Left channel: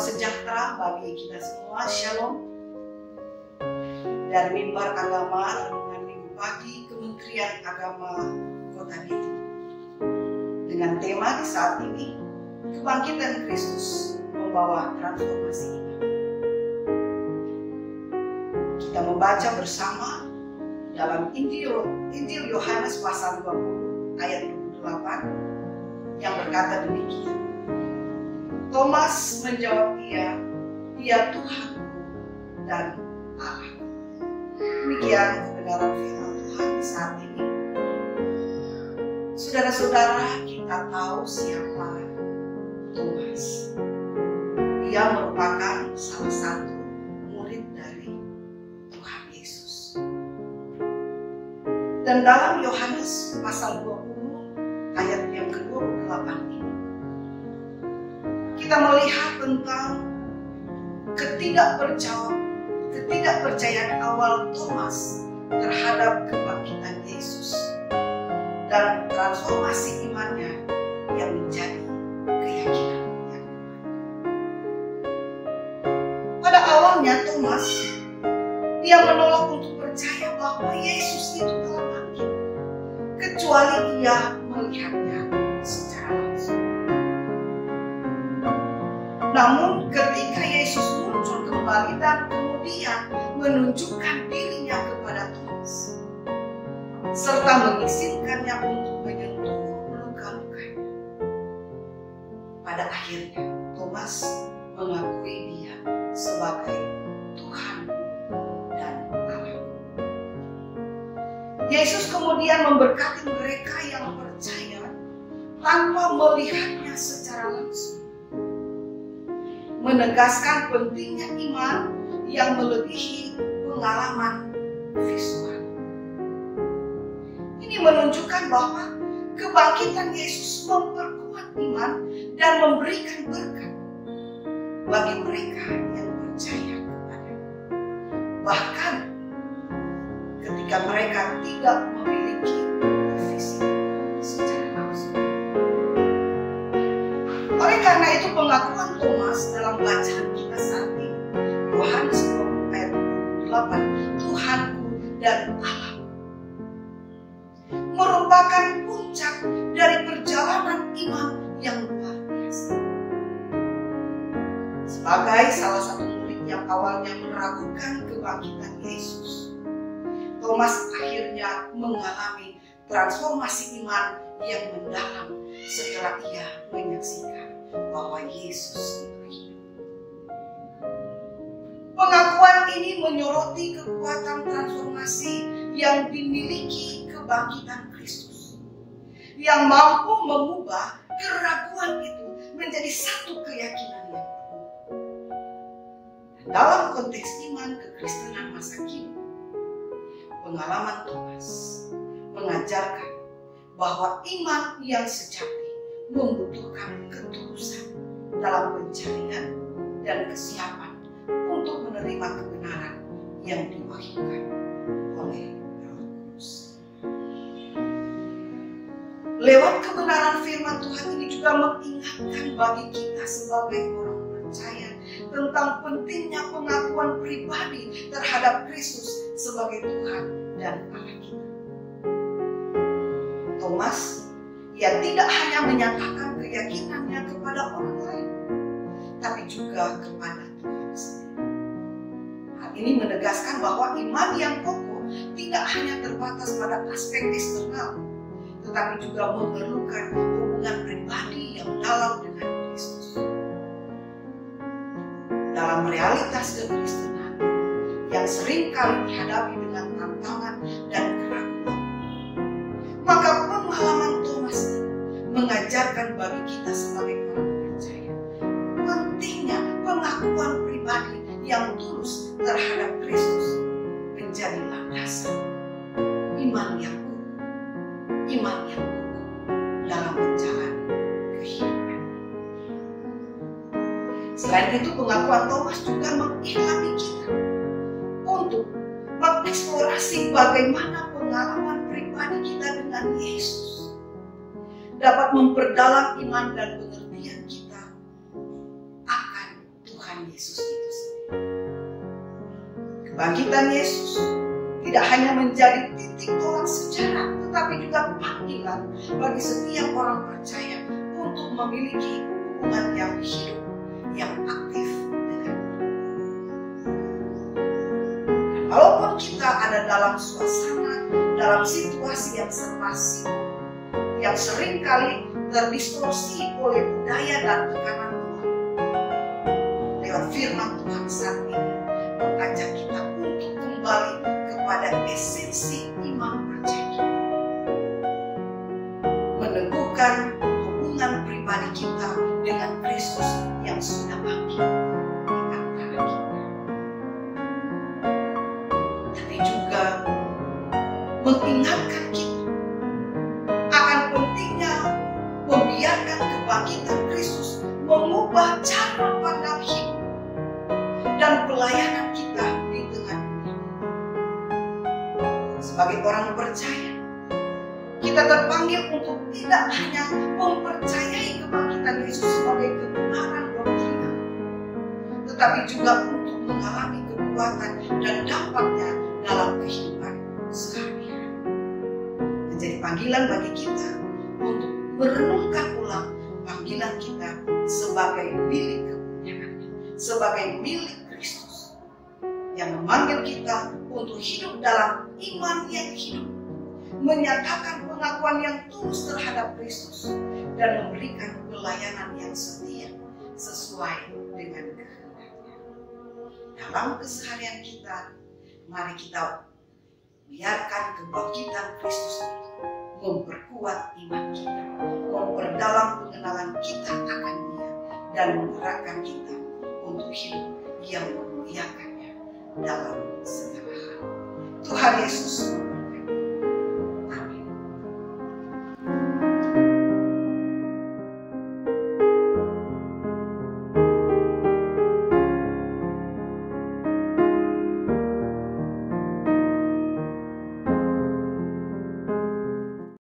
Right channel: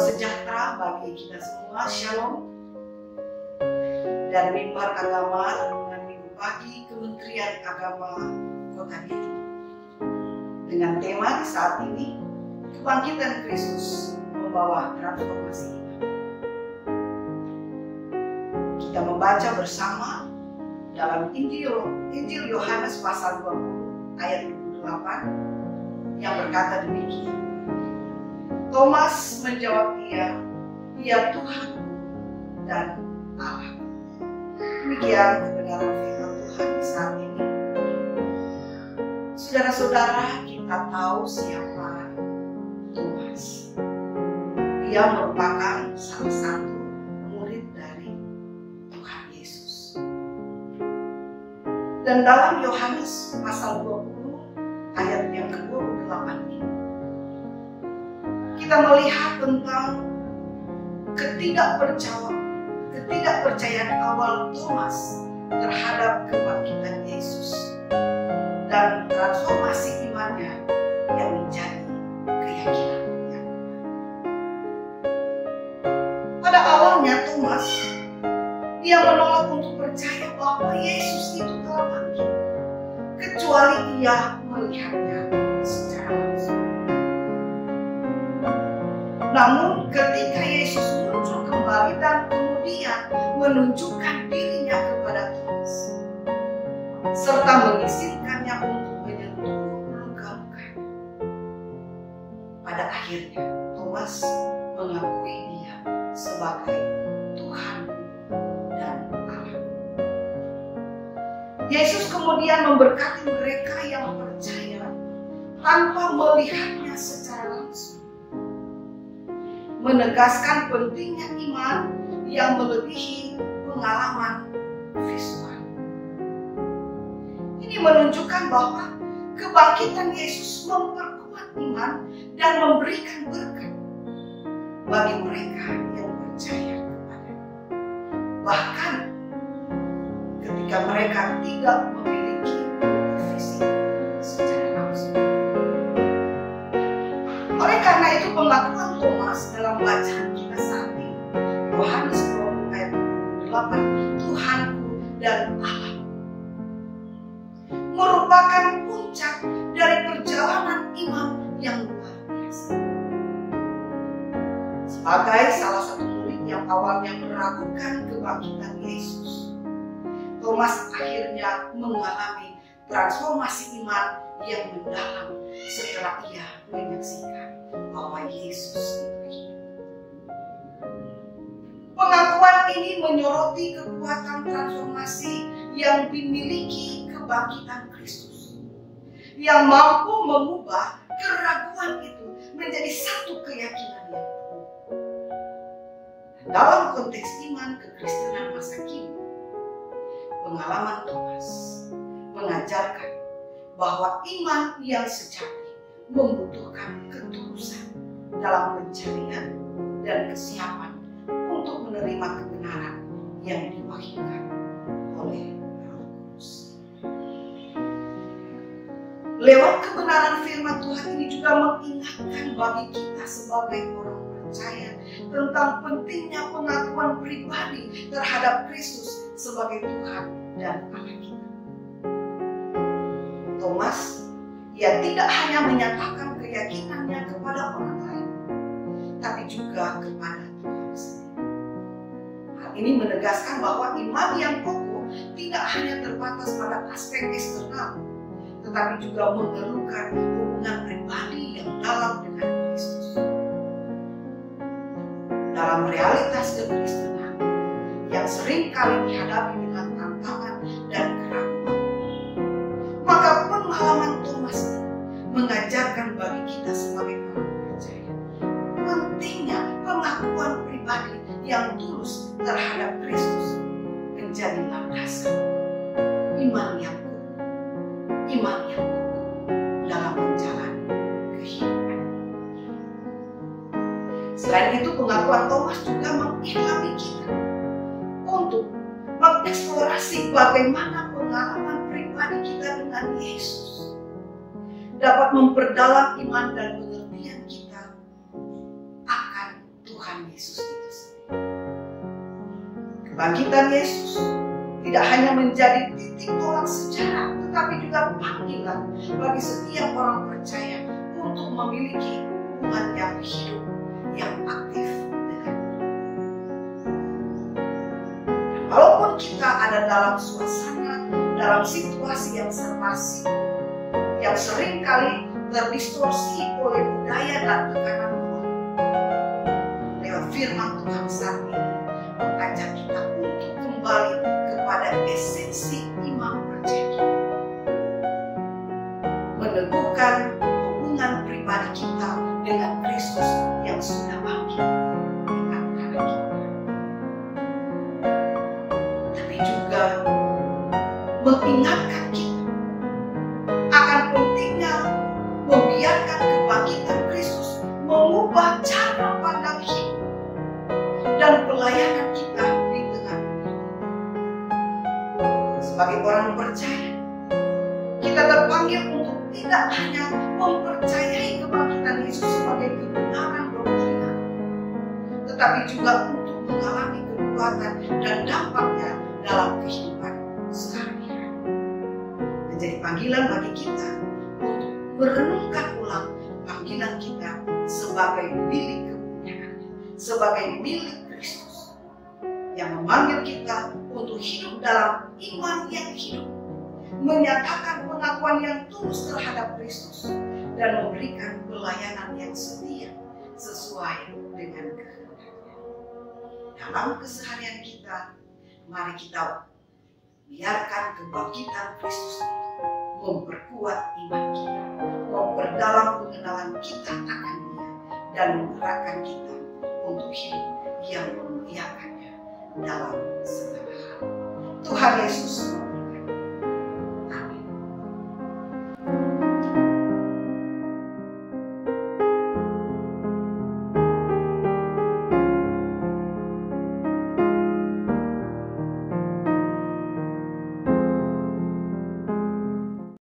Salam sejahtera bagi kita semua, Shalom. Dari Mimbar Agama Renungan Minggu Pagi Kementerian Agama Kota Bitung. Dengan tema di saat ini, Kebangkitan Kristus membawa transformasi iman. Kita membaca bersama dalam Injil Yohanes pasal 20 ayat 28 yang berkata demikian. Thomas menjawab dia Tuhan dan Allah. Demikian kebenaran firman Tuhan di saat ini. Saudara-saudara, kita tahu siapa Thomas. Dia merupakan salah satu murid dari Tuhan Yesus. Dan dalam Yohanes pasal 20 ayat yang ke-28 ini, kita melihat tentang ketidakpercayaan awal Thomas terhadap kebangkitan Yesus dan transformasi imannya yang menjadi keyakinan yang kuat. Pada awalnya Thomas, dia menolak untuk percaya bahwa Yesus itu telah bangkit, kecuali ia melihatnya secara langsung. Namun ketika Yesus muncul kembali dan kemudian menunjukkan dirinya kepada Thomas, serta mengizinkannya untuk menyentuh luka-lukanya, pada akhirnya Thomas mengakui dia sebagai Tuhanku dan Allah. Yesus kemudian memberkati mereka yang percaya tanpa melihatnya secara langsung, menegaskan pentingnya iman yang melebihi pengalaman visual. Ini menunjukkan bahwa kebangkitan Yesus memperkuat iman dan memberikan berkat bagi mereka yang percaya kepadanya. Bahkan ketika mereka tidak memiliki fisik secara langsung. Oleh karena itu pengakuan Thomas dalam bacaan kita saat ini, Yohanes 20 ayat 28, Tuhanku dan Allahku, merupakan puncak dari perjalanan iman yang luar biasa. Sebagai salah satu murid yang awalnya meragukan kebangkitan Yesus, Thomas akhirnya mengalami transformasi iman yang mendalam setelah ia menyaksikan bahwa Yesus itu hidup. Pengakuan ini menyoroti kekuatan transformasi yang dimiliki kebangkitan Kristus, yang mampu mengubah keraguan itu menjadi satu keyakinan yang penuh. Dalam konteks iman kekristenan masa kini, pengalaman Thomas mengajarkan bahwa iman yang sejati membutuhkan ketulusan dalam pencarian dan kesiapan untuk menerima kebenaran yang diwahyukan oleh Roh Kudus. Lewat kebenaran firman Tuhan ini juga mengingatkan bagi kita sebagai orang percaya tentang pentingnya pengakuan pribadi terhadap Kristus sebagai Tuhan dan Allah kita. Thomas, ia tidak hanya menyatakan keyakinannya kepada orang lain, tapi juga kepada Tuhan sendiri. Hal ini menegaskan bahwa iman yang kokoh tidak hanya terbatas pada aspek eksternal, tetapi juga memerlukan hubungan pribadi yang dalam dengan Kristus. Dalam realitas kekristenan yang sering kali dihadapi dengan tantangan dan keraguan, maka pengalaman Thomas mengajarkan bagi kita sebagai orang percaya pentingnya pengakuan pribadi yang tulus terhadap Kristus menjadi landasan iman yang kokoh dalam menjalani kehidupan. Selain itu, pengakuan Thomas juga mengilhami kita untuk mengeksplorasi bagaimana pengalaman pribadi kita dengan Yesus dapat memperdalam iman dan pengertian kita akan Tuhan Tuhan Yesus itu sendiri. Kebangkitan Yesus tidak hanya menjadi titik tolak sejarah, tetapi juga panggilan bagi setiap orang percaya untuk memiliki hubungan yang hidup, yang aktif dengannya. Dan walaupun kita ada dalam suasana, dalam situasi yang serba sibuk, yang seringkali terdistorsi oleh budaya dan tekanan luar, lewat firman Tuhan saat ini mengajak kita untuk kembali kepada esensi iman percaya kita, meneguhkan hubungan pribadi kita dengan Kristus yang sudah bangkit di antara kita, tapi juga mengingatkan kita akan pentingnya membiarkan kebangkitan Kristus mengubah cara pandang hidup dan pelayanan kita di tengah dunia. Sebagai orang percaya, kita terpanggil untuk tidak hanya mempercayai kebangkitan Yesus sebagai kebenaran doktrinal, tetapi juga untuk mengalami kekuatan dan dampaknya dalam kehidupan sehari-hari. Menjadi panggilan bagi kita untuk merenungkan ulang panggilan kita sebagai milik kepunyaannya, sebagai milik Kristus yang memanggil kita untuk hidup dalam iman yang hidup, menyatakan pengakuan yang tulus terhadap Kristus, dan memberikan pelayanan yang setia sesuai dengan kehendaknya. Dalam keseharian kita, mari kita biarkan kebangkitan Kristus itu memperkuat iman kita, memperdalam pengenalan kita akan Dia, dan menggerakkan kita untuk hidup yang memuliakannya dalam segala hal. Tuhan Yesus